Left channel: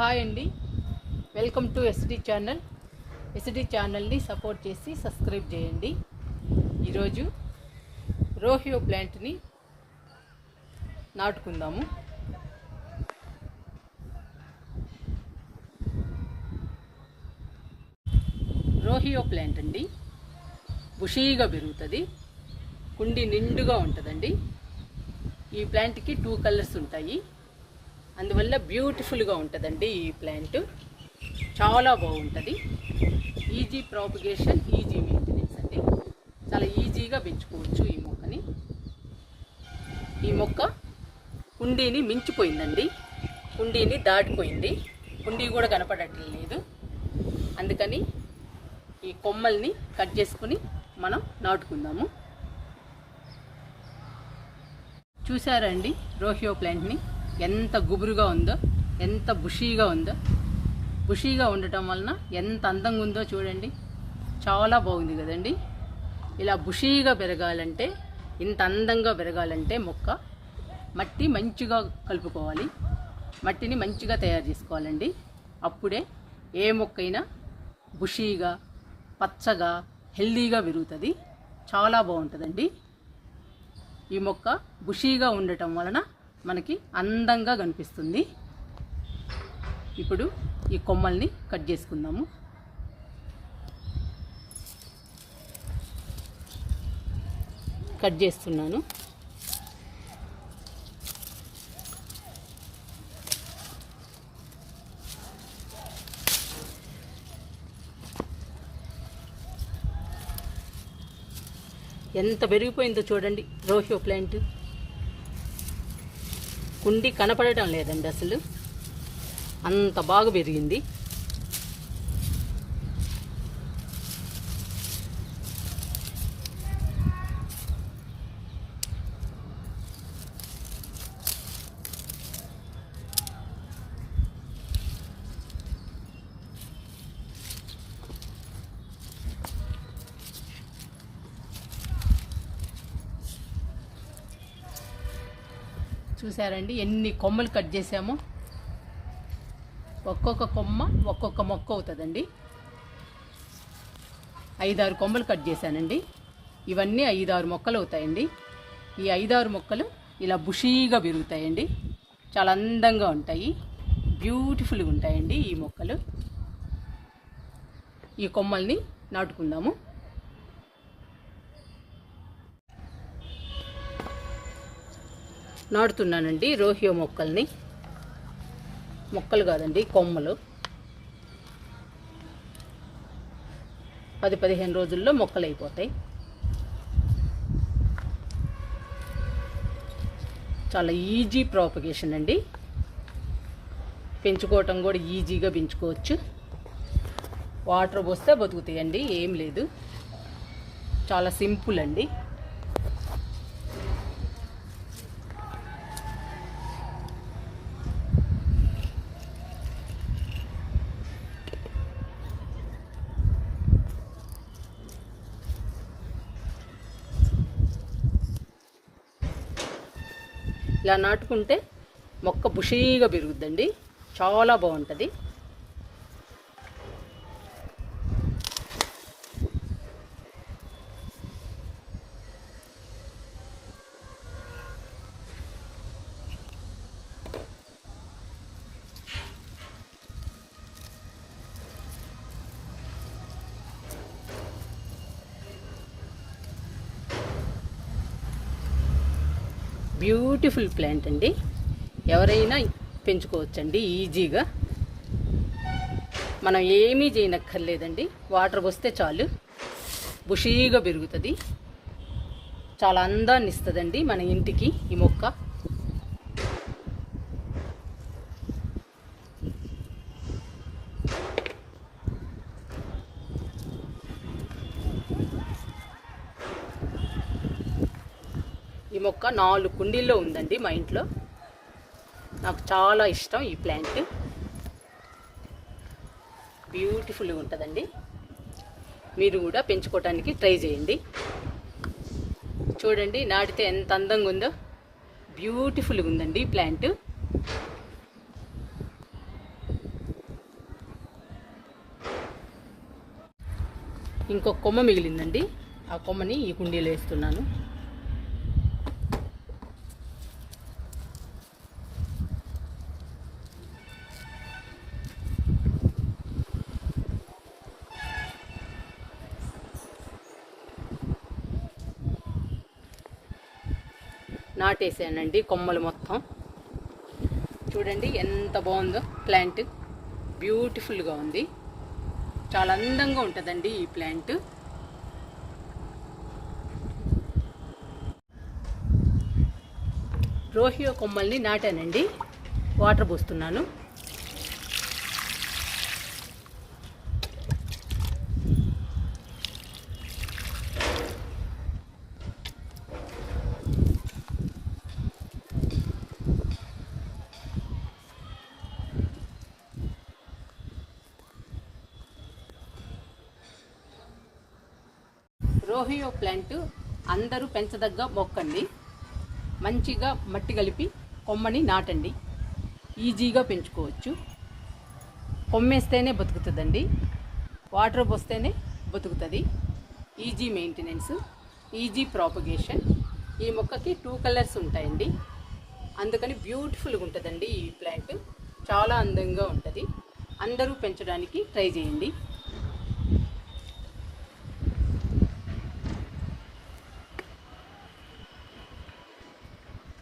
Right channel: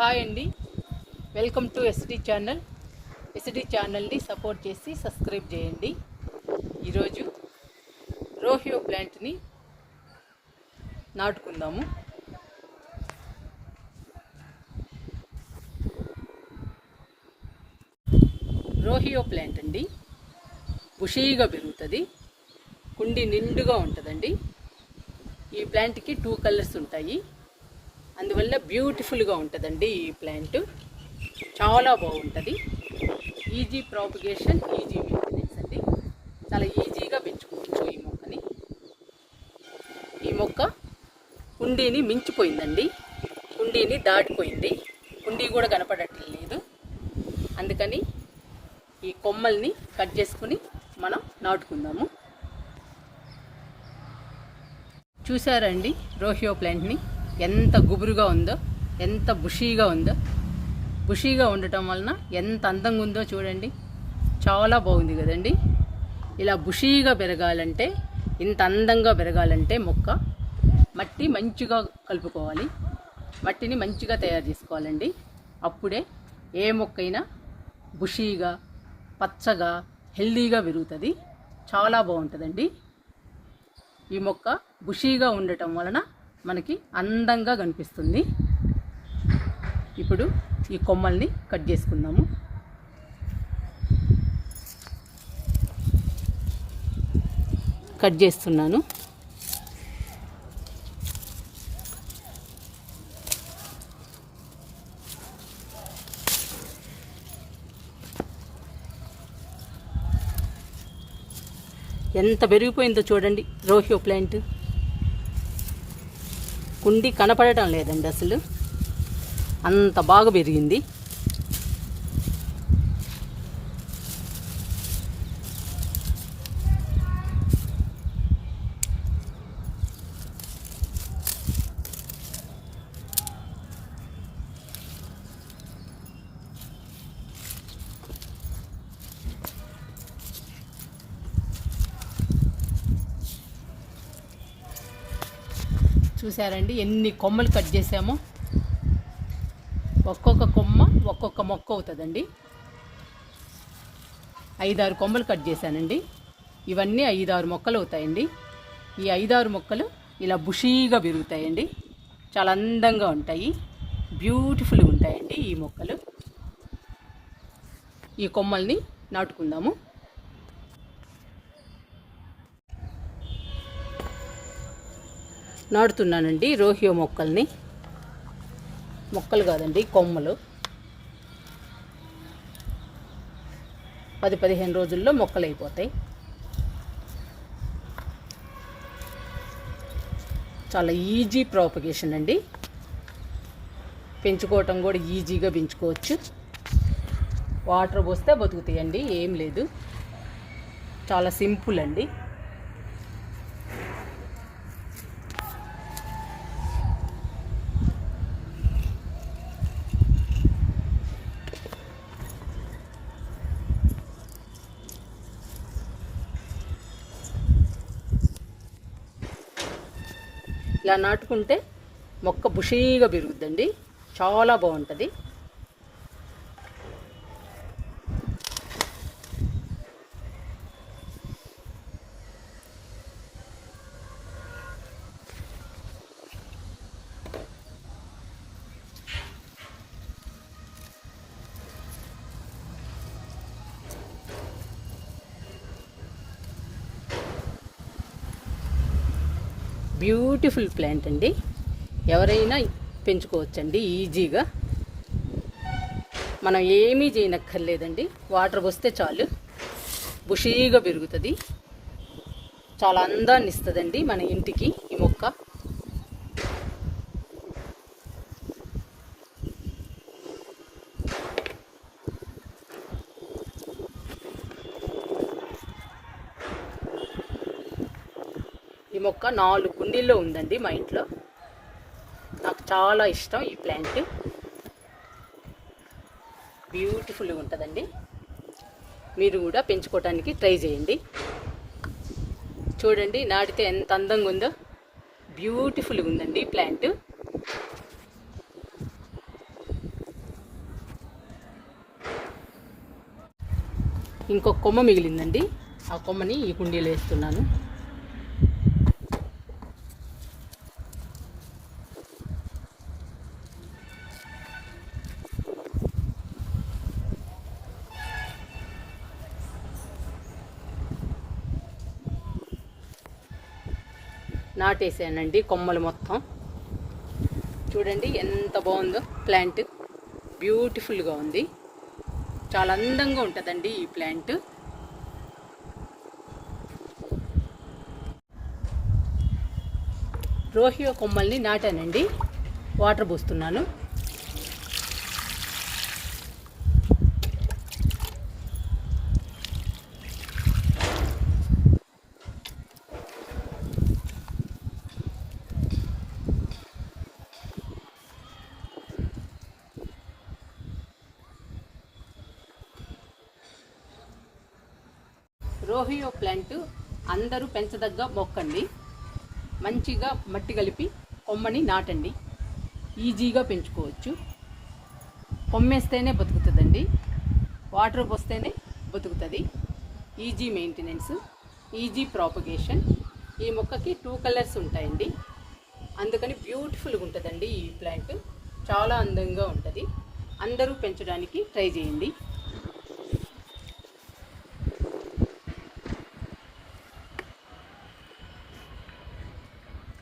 Hi అండి, welcome to SD channel. SD ఛానల్ని support చేసి సబ్స్క్రైబ్ చేయండి. ఈరోజు రోహియో ప్లాంట్ని నాటుకుందాము. రోహియో ప్లాంట్ అండి, బుషీగా పెరుగుతుంది, కుండి నిండుగా ఉంటుందండి. ఈ ప్లాంట్కి 2 కలర్స్ ఉంటాయి, అందువల్ల బ్యూటిఫుల్గా ఉంటుందండి. ఈ ప్లాంట్ చాలా బాగుంటుంది. ఈజీ ప్రాపగేషన్, ఈజీ మెయింటెనెన్స్ అండి. చాలా ఈజీగా పెంచుకోవచ్చు ఈ మొక్కని. ఈ మొక్క కుండీని మించిపోయిందండి, కుండీని దాటిపోయింది. కుండీ కూడా కనపడట్లేదు. అందుకని ఈ కొమ్మల్ని కట్ చేసుకుని మనం నాటుకుందాము. చూసారండి రోహియో ప్లాంట్ని ఎంత గుబురుగా ఉందో, ఎంత బుషీగా ఉందో. బుషీగా ఉండటం వలన ఎంత అందంగా ఉందో చూడండి. చాలా బాగుంది కదండి. ఇలా బుషీగా పెరగాలంటే, ఇంత అందంగా పెరగాలంటే మొక్క మట్టి మంచిగా కలుపుకోవాలి, మట్టిని మంచిగా తయారు చేసుకోవాలండి. అప్పుడే ఏ మొక్కైనా బుషీగా, పచ్చగా, హెల్దీగా పెరుగుతుంది. చాలా బాగుంటుందండి. ఈ మొక్క బుషీగా ఉండటం వలన మనకి అందంగా కనిపిస్తుంది. ఇప్పుడు ఈ కొమ్మల్ని కట్ చేసుకుందాము. కట్ చేస్తున్నాను. ఎంత పెరిగిపోయిందో చూడండి రోహియో ప్లాంట్. కుండి కనపడటం లేదండి అసలు, అంత బాగా పెరిగింది. చూసారండి ఎన్ని కొమ్మలు కట్ చేసామో. ఒక్కొక్క కొమ్మ ఒక్కొక్క మొక్క అవుతుందండి. 5-6 కొమ్మలు కట్ చేశానండి. ఇవన్నీ 5-6 మొక్కలు అవుతాయండి. ఈ 5-6 మొక్కలు ఇలా బుషీగా పెరుగుతాయండి. చాలా అందంగా ఉంటాయి, బ్యూటిఫుల్గా ఉంటాయండి ఈ మొక్కలు. ఈ కొమ్మల్ని నాటుకుందాము. నాటుతున్నానండి రోహియో మొక్కల్ని. మొక్కలు కాదండి, కొమ్మలు. 10-15 రోజుల్లో మొక్కలు అయిపోతాయి. చాలా ఈజీ ప్రాపగేషన్ అండి. పెంచుకోవటం కూడా ఈజీగా పెంచుకోవచ్చు. వాటర్ పోస్తే బతుకుతాయండి, ఏం లేదు. చాలా సింపుల్ అండి. ఇలా నాటుకుంటే మొక్క బుషీగా పెరుగుద్దండి, చాలా బాగుంటుంది. బ్యూటిఫుల్ ప్లాంట్ అండి, ఎవరైనా పెంచుకోవచ్చండి ఈజీగా. మనం ఏమీ చేయనక్కర్లేదండి, వాటర్ పోస్తే చాలు బుషీగా పెరుగుతుంది. చాలా అందాన్ని ఇస్తుందండి మన ఇంటికి ఈ మొక్క. ఈ మొక్క 4 కుండీల్లో ఉందండి మా ఇంట్లో. నాకు చాలా ఇష్టం ఈ ప్లాంట్, బ్యూటిఫుల్గా ఉంటుందండి. మీరు కూడా పెంచుకోవడానికి ట్రై చేయండి. చూడండి నాటితే ఎంత అందంగా ఉందో, బ్యూటిఫుల్గా ఉందండి ప్లాంట్. ఇంకొక కొమ్మ మిగిలిందండి, ఆ కొమ్మని ఈ కుండీలో వేస్తున్నాను. నాటేసానండి కొమ్మలు మొత్తం. చూడండి ఎంత బాగుందో ప్లాంట్, బ్యూటిఫుల్గా ఉంది. చాలా అందంగా ఉంటుందండి ఈ ప్లాంట్. రోహియో కొమ్మల్ని నాటానండి, వాటర్ పోస్తున్నాను. రోహియో ప్లాంట్ అందరూ పెంచదగ్గ మొక్కండి. మంచిగా మట్టి కలిపి కొమ్మని నాటండి, ఈజీగా పెంచుకోవచ్చు. కొమ్మేస్తేనే బతుకుతుందండి, వాటర్ పోస్తేనే బతుకుతుంది. Easy maintenance, easy propagation. ఈ మొక్కకి 2 కలర్స్ ఉంటాయండి, అందుకని బ్యూటిఫుల్గా ఉంటుందండి ఈ ప్లాంట్. చాలా అందంగా ఉంటుంది. అందరూ పెంచడానికి ట్రై చేయండి.